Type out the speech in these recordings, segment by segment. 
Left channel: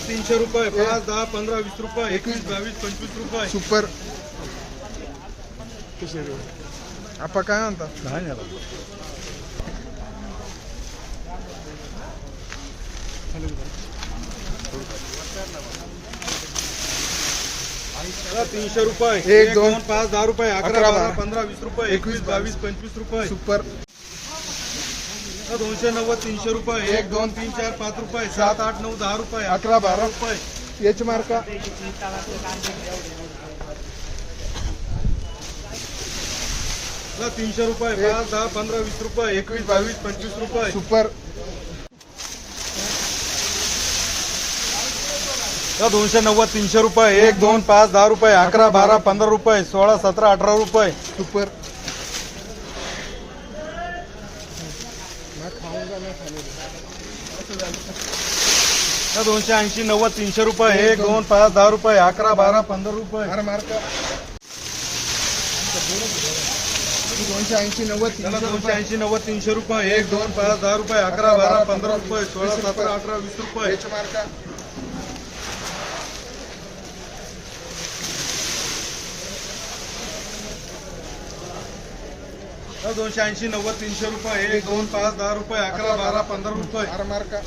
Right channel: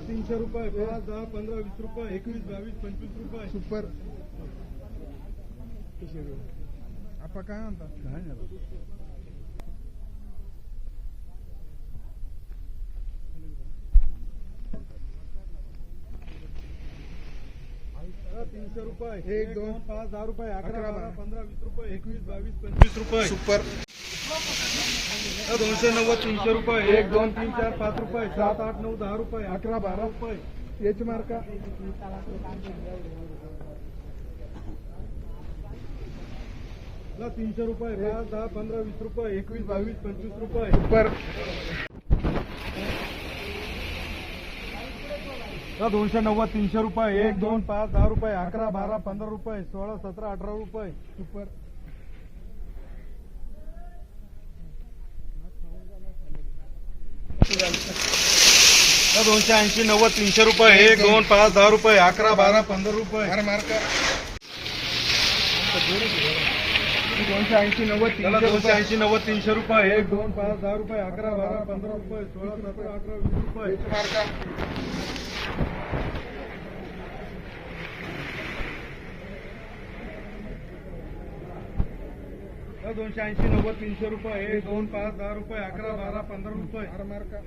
तीनशे रुपये पाच दहा पंधरा वीस रुपये एकवीस बावीस पंचवीस रुपये. सुपर. आपा काय म्हणतात तीनशे रुपये. एक, दोन, पाच दहा रुपये अकरा बारा पंधरा वीस रुपये एकवीस, एकवीस बावीस पंचवीस रुपये. सुपर. दोनशे नव्वद तीनशे रुपये एक, दोन तीन चार पाच रुपये सात आठ नऊ दहा रुपये अकरा, बारा. रुपये. एच मार्का? तीनशे रुपये पाच दहा पंधरा वीस रुपये एकवीस बावीस पंचवीस रुपये. सुपर. दोनशे नव्वद तीनशे रुपये एक दोन पाच दहा रुपये अकरा बारा पंधरा रुपये सोळा सतरा अठरा रुपये. सुपर. दोनशे ऐंशी नव्वद तीनशे रुपये एक दोन पाच दहा रुपये अकरा बारा पंधरा रुपये. हर मार्का दोनशे ऐंशी नव्वद तीनशे दोनशे रुपये. ऐंशी नव्वद तीनशे रुपये एक दोन पाच दहा रुपये अकरा बारा पंधरा रुपये सोळा सतरा अठरा वीस रुपये. मार्का दोनशे ऐंशी नव्वद तीनशे रुपये एक दोन पाच दहा रुपये अकरा बारा पंधरा रुपये. हर मार्का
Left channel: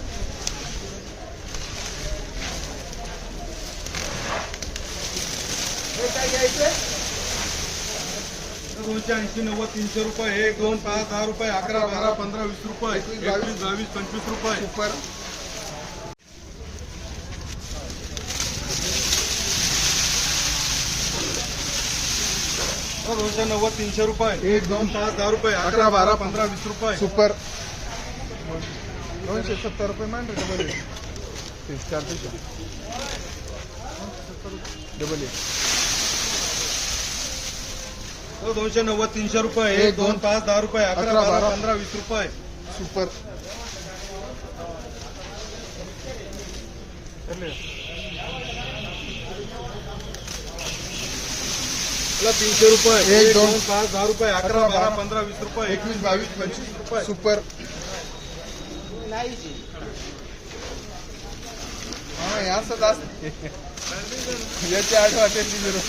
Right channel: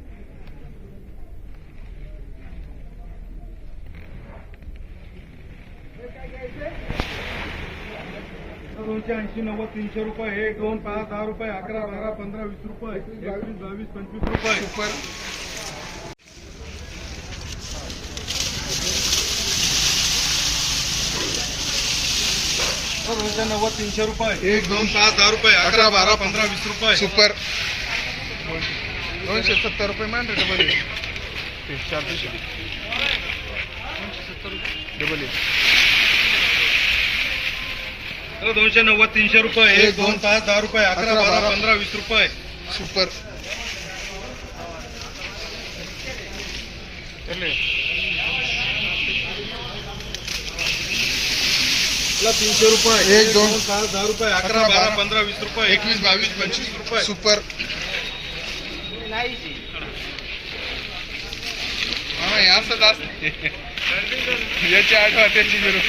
दोनशे ऐंशी नव्वद तीनशे रुपये. एक दोन पाच दहा रुपये अकरा बारा पंधरा वीस रुपये. एकवीस बावीस पंचवीस रुपये. दोनशे नव्वद तीनशे रुपये. एक दोन पाच दहा रुपये. अकरा बारा पंधरा वीस रुपये. सुपर. दोनशे सत्तर रुपये मान रे डबल डबल दोनशे नव्वद तीनशे रुपये. एक दोन पाच दहा रुपये. अकरा बारा पंधरा वीस रुपये. सुपर. तीनशे रुपये एक, दोन, पाच दहा रुपये अकरा बारा पंधरा वीस रुपये. एकवीस बावीस पंचवीस रुपये. सुपर. हे असते याची आठवा त्याची झिरो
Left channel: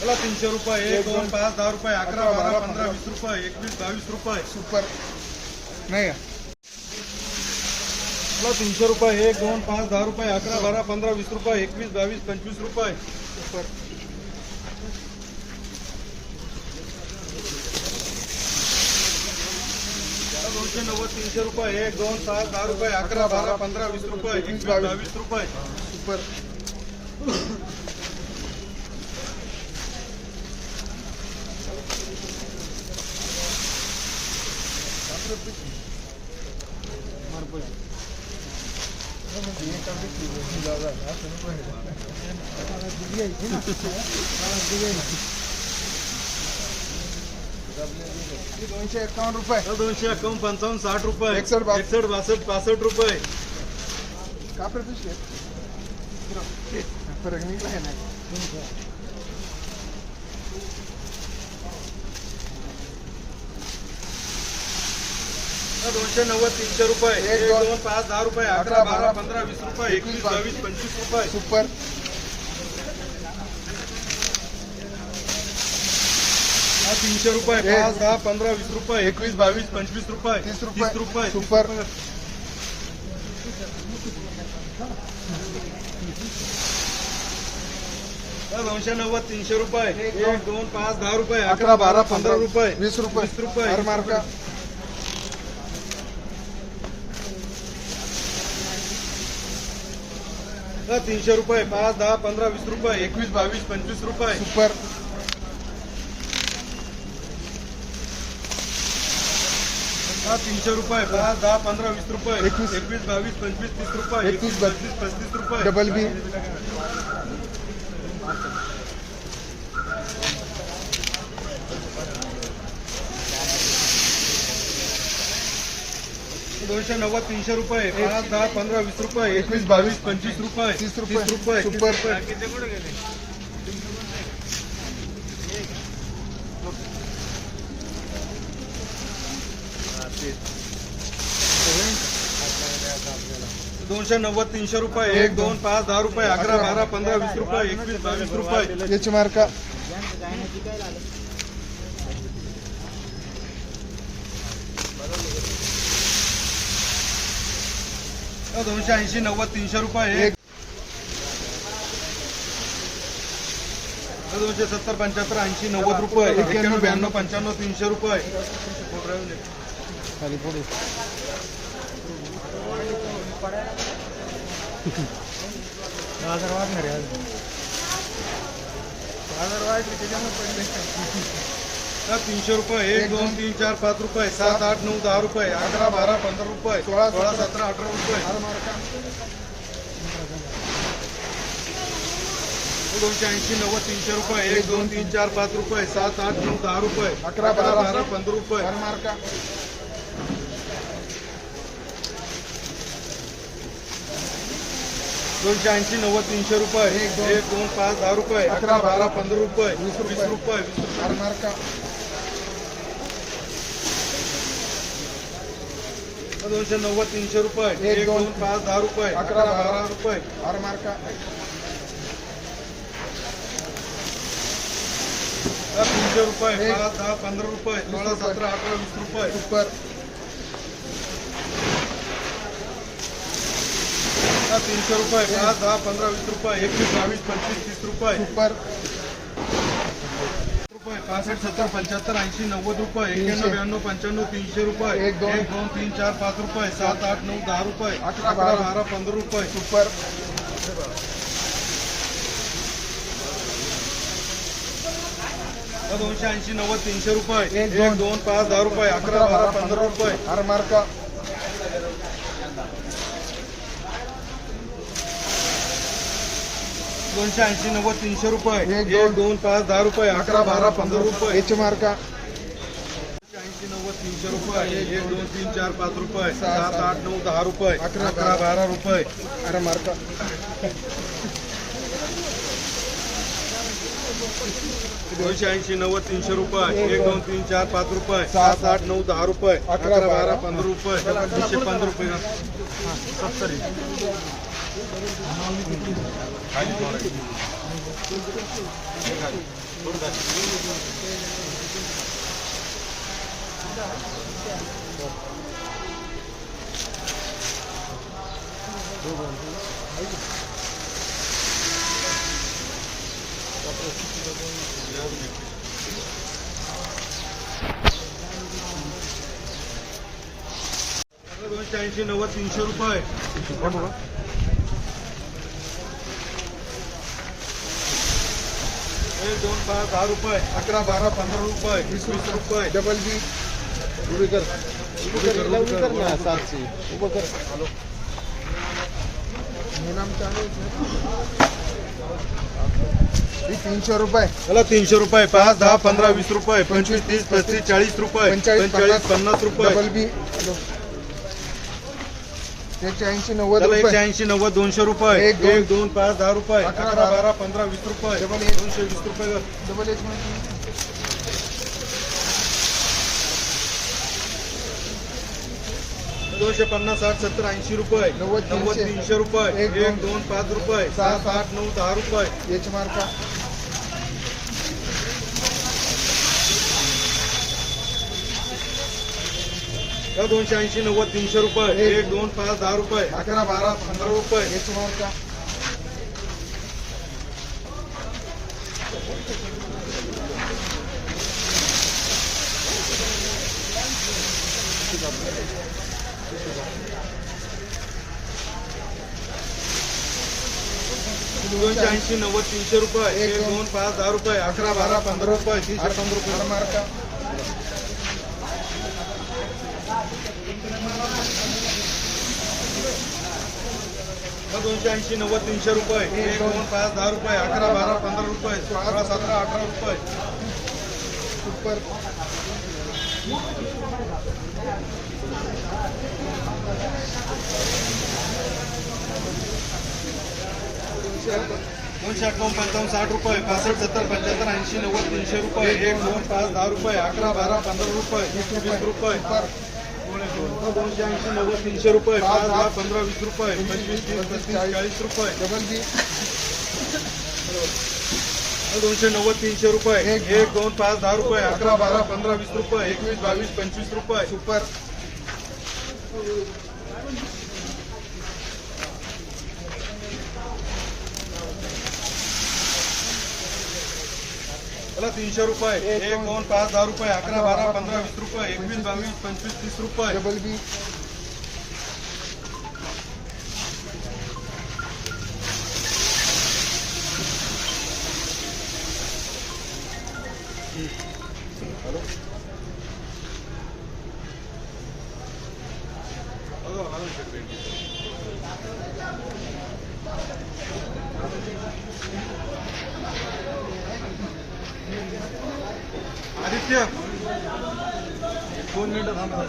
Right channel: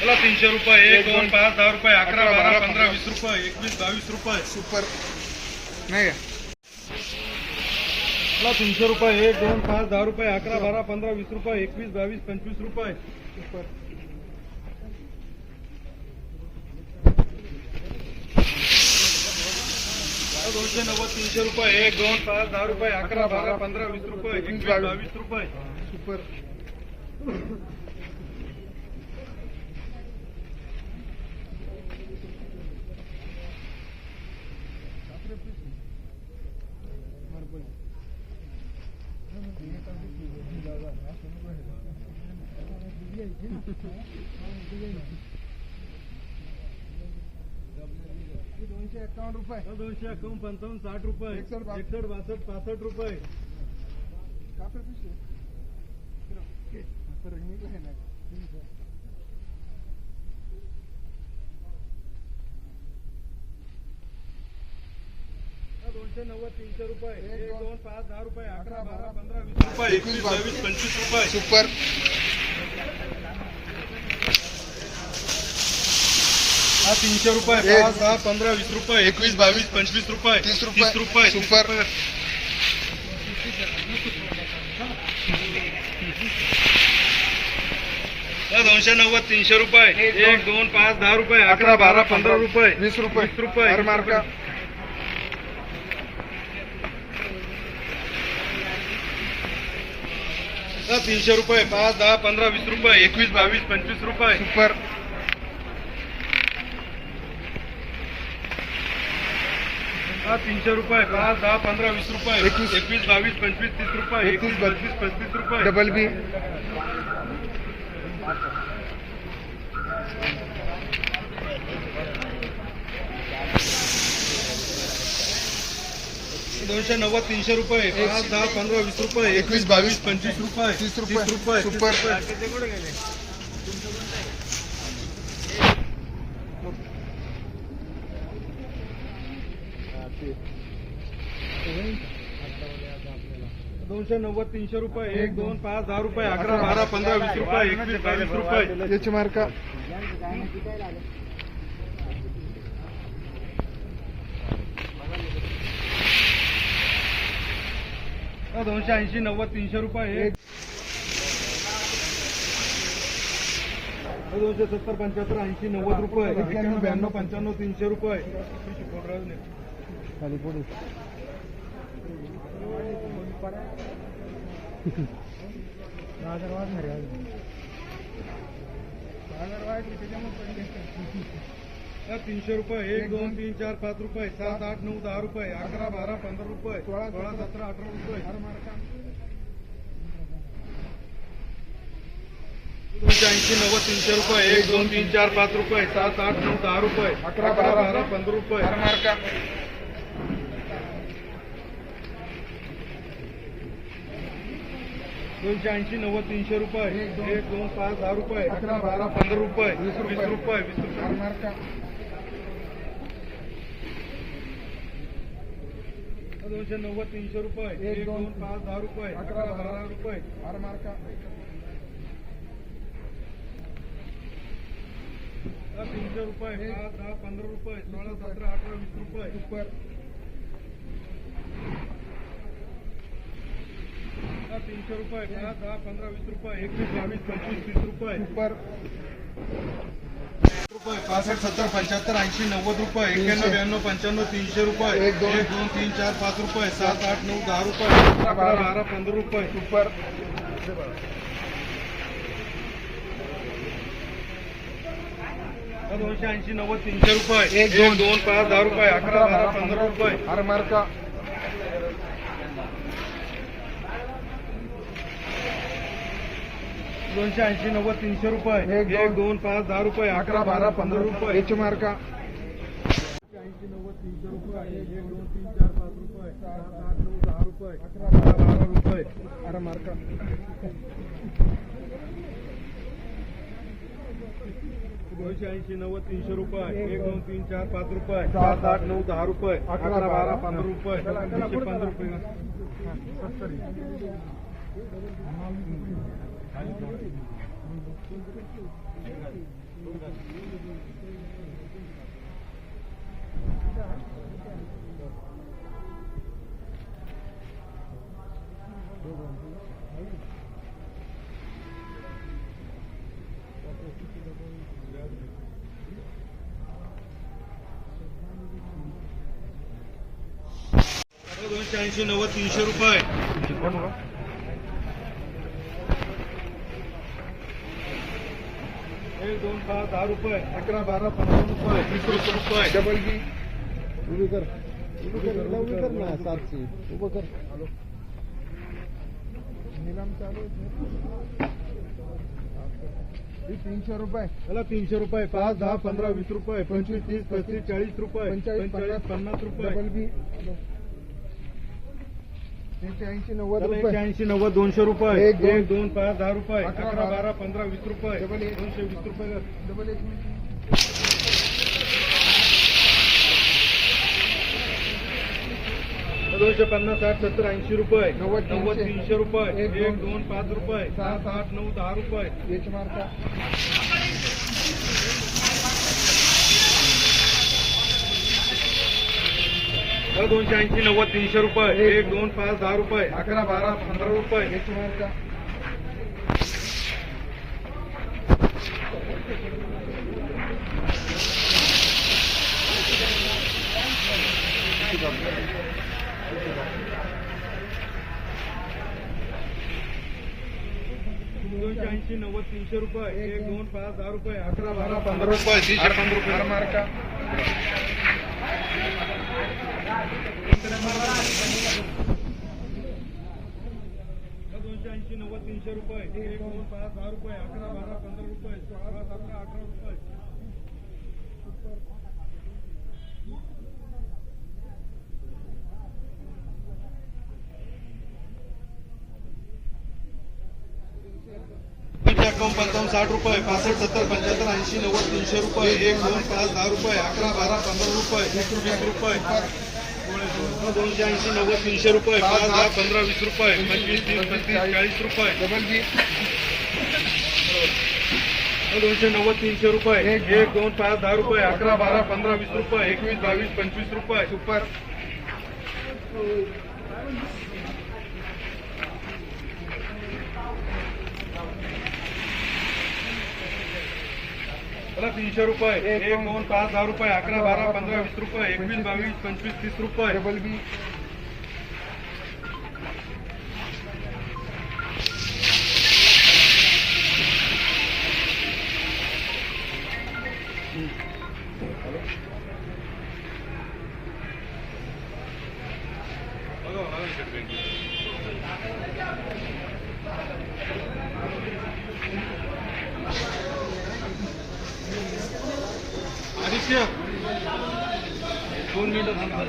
मला तीनशे रुपये एक दोन पाच दहा रुपये अकरा बारा पंधरा वीस रुपये एकवीस बावीस रुपये. सुपर. नाही? मला तीनशे रुपये एक दोन पाच दहा रुपये अकरा बारा पंधरा वीस रुपये एकवीस बावीस पंचवीस रुपये. सुपर. दोनशे नव्वद तीनशे रुपये एक दोन सात दहा रुपये अकरा बारा पंधरा वीस रुपये एकवीस बावीस रुपये सुपर दोनशे एकावन्न रुपये. दोनशे एकावन्न पंचावन्न साठ रुपये. बासष्ट. एकसष्ट बासष्ट पासष्ट रुपये. कापड पिशवी? फरक निघला का नाही दोनशे नव्वद तीनशे रुपये. एक, दोन पाच दहा रुपये. अकरा बारा पंधरा वीस रुपये. एकवीस बावीस पंचवीस रुपये. सुपर. हा तीनशे रुपये. पाच दहा पंधरा वीस रुपये एकवीस बावीस पंचवीस रुपये तीस रुपये. रुपये सुपर. दोनशे नव्वद तीनशे रुपये. एक दोन. पाच दहा रुपये अकरा बारा पंधरा. रुपये. वीस रुपये. वीस रुपये मार्का. तीनशे रुपये पाच दहा पंधरा वीस रुपये एकवीस बावीस पंचवीस रुपये. सुपर. हा तीनशे रुपये पाच दहा पंधरा वीस रुपये एकवीस. एकवीस बावीस पंचवीस तीस रुपये एकवीस, पंचवीस पस्तीस रुपये. Double B. दोनशे नव्वद तीनशे रुपये पाच दहा पंधरा वीस रुपये एकवीस बावीस पंचवीस रुपये तीस रुपये. रुपये. दोनशे नव्वद तीनशे रुपये एक दोन पाच दहा रुपये अकरा बारा पंधरा वीस रुपये एकवीस बावीस रुपये. याची मार्का दोनशे ऐंशी नव्वद तीनशे रुपये एक. दोनशे सत्तर पंच्याहत्तर ऐंशी नव्वद रुपये. एक्क्याण्णव ब्याण्णव पंच्याण्णव तीनशे रुपये. खाली पुढे बाजार वाढणार आहे अजून. बाजार वाढले त्याच्यामुळे पडले तीनशे रुपये एक दोन तीन चार पाच रुपये सात आठ नऊ दहा रुपये अकरा बारा पंधरा रुपये सोळा, सोळा सतरा अठरा रुपये दोनशे ऐंशी नव्वद तीनशे रुपये एक दोन तीन चार पाच रुपये सात आठ नऊ दहा रुपये अकरा, बारा, बारा पंधरा रुपये बारा मार्का दोनशे ऐंशी नव्वद तीनशे रुपये. एक, दोन, एक दोन पाच दहा रुपये. अकरा, अकरा बारा पंधरा रुपये. वीस रुपये. रुपये वीस दोनशे नव्वद तीनशे रुपये. एक, दोन, पाच दहा रुपये. अकरा, अकरा बारा. रुपये. बारा मार्का. तीनशे रुपये. पाच दहा पंधरा रुपये. सोळा. सतरा अठरा वीस रुपये सुपर तर तीनशे रुपये पाच दहा पंधरा वीस रुपये एकवीस बावीस पंचवीस तीस रुपये. सुपर. रुपये पासष्ट सत्तर पंच्याहत्तर ऐंशी नव्वद रुपये एक्क्याण्णव ब्याण्णव पंच्याण्णव तीनशे रुपये. एक, दोन. तीन चार पाच रुपये सात आठ नऊ दहा रुपये. अकरा बारा. पंधरा रुपये. सुपर. दोनशे ऐंशी नव्वद तीनशे रुपये. एक, दोन. दोन पाच दहा रुपये. अकरा बारा पंधरा रुपये. बारा मार्का. दोनशे ऐंशी नव्वद तीनशे रुपये. एक, दोन. दोन पाच दहा रुपये अकरा बारा पंधरा रुपये. याची मार्का ऐंशी नव्वद तीनशे रुपये. एक दोन तीन चार पाच रुपये. सात आठ नऊ दहा रुपये. अकरा, अकरा बारा. रुपये. बारा मार्का दोनशे ऐंशी नव्वद तीनशे रुपये. एक दोन. तीन चार पाच रुपये. सात, आठ नऊ दहा रुपये. अकरा, बारा बारा. पंधरा रुपये. पंधरा रुपये. दोनशे ऐंशी नव्वद तीनशे रुपये एक दोन पाच दहा रुपये अकरा बारा पंधरा रुपये वीस वीस रुपये. Double B. उभी कर. उभी कर, उभी कर ना, सातशे. उभं कर. नाम चालू आहे, सर. तीनशे रुपये. चला तीनशे रुपये. पाच दहा पंधरा वीस रुपये. पंचवीस तीस पस्तीस चाळीस रुपये. पंचेचाळीस, पंचेचाळीस पन्नास रुपये. Double B. त्याचे ऐंशी नव्वद एकशे रुपये ऐंशी नव्वद दोनशे रुपये एक, दोन. एक दोन पाच दहा रुपये अकरा, अकरा बारा. बारा पंधरा वीस रुपये डबल एक. दोनशे वीस रुपये कर. डबल एच मध्ये दोनशे पन्नास साठ सत्तर ऐंशी रुपये नव्वद, नव्वद तीनशे. रुपये एक, एक दोन. दोन पाच रुपये सात, सात आठ नऊ दहा रुपये एच मार्का चला दोनशे ऐंशी नव्वद तीनशे रुपये. एक. दोन पाच दहा रुपये. अकरा बारा पंधरा रुपये. एच मार्का दोनशे ऐंशी नव्वद तीनशे रुपये. एक, दोन. पाच दहा रुपये. अकरा बारा पंधरा रुपये. तीनशे पंधरा रुपये. मार्का. दोनशे ऐंशी नव्वद तीनशे रुपये. एक दोन पाच दहा रुपये. अकरा बारा पंधरा रुपये. सोळा सतरा अठरा रुपये. सुपर. दोनशे अठ्ठावन्न पंचावन्न साठ रुपये. पासष्ट सत्तर पंच्याहत्तर ऐंशी नव्वद तीनशे रुपये. एक दोन पाच दहा रुपये. अकरा बारा पंधरा रुपये. वीस रुपये रुपये. दोनशे ऐंशी नव्वद तीनशे रुपये पाच दहा पंधरा वीस रुपये पंचवीस तीस पस्तीस चाळीस. रुपये. Double B. दोनशे नव्वद तीनशे रुपये. एक. एक दोन पाच दहा रुपये. अकरा बारा पंधरा वीस रुपये. एकवीस बावीस पंचवीस रुपये. सुपर. चला तीनशे रुपये एक. एक दोन पाच दहा रुपये अकरा बारा पंधरा वीस रुपये एकवीस बावीस पंचवीस तीस रुपये. Double B. आदित्य. दोन मिनिटं थांबा.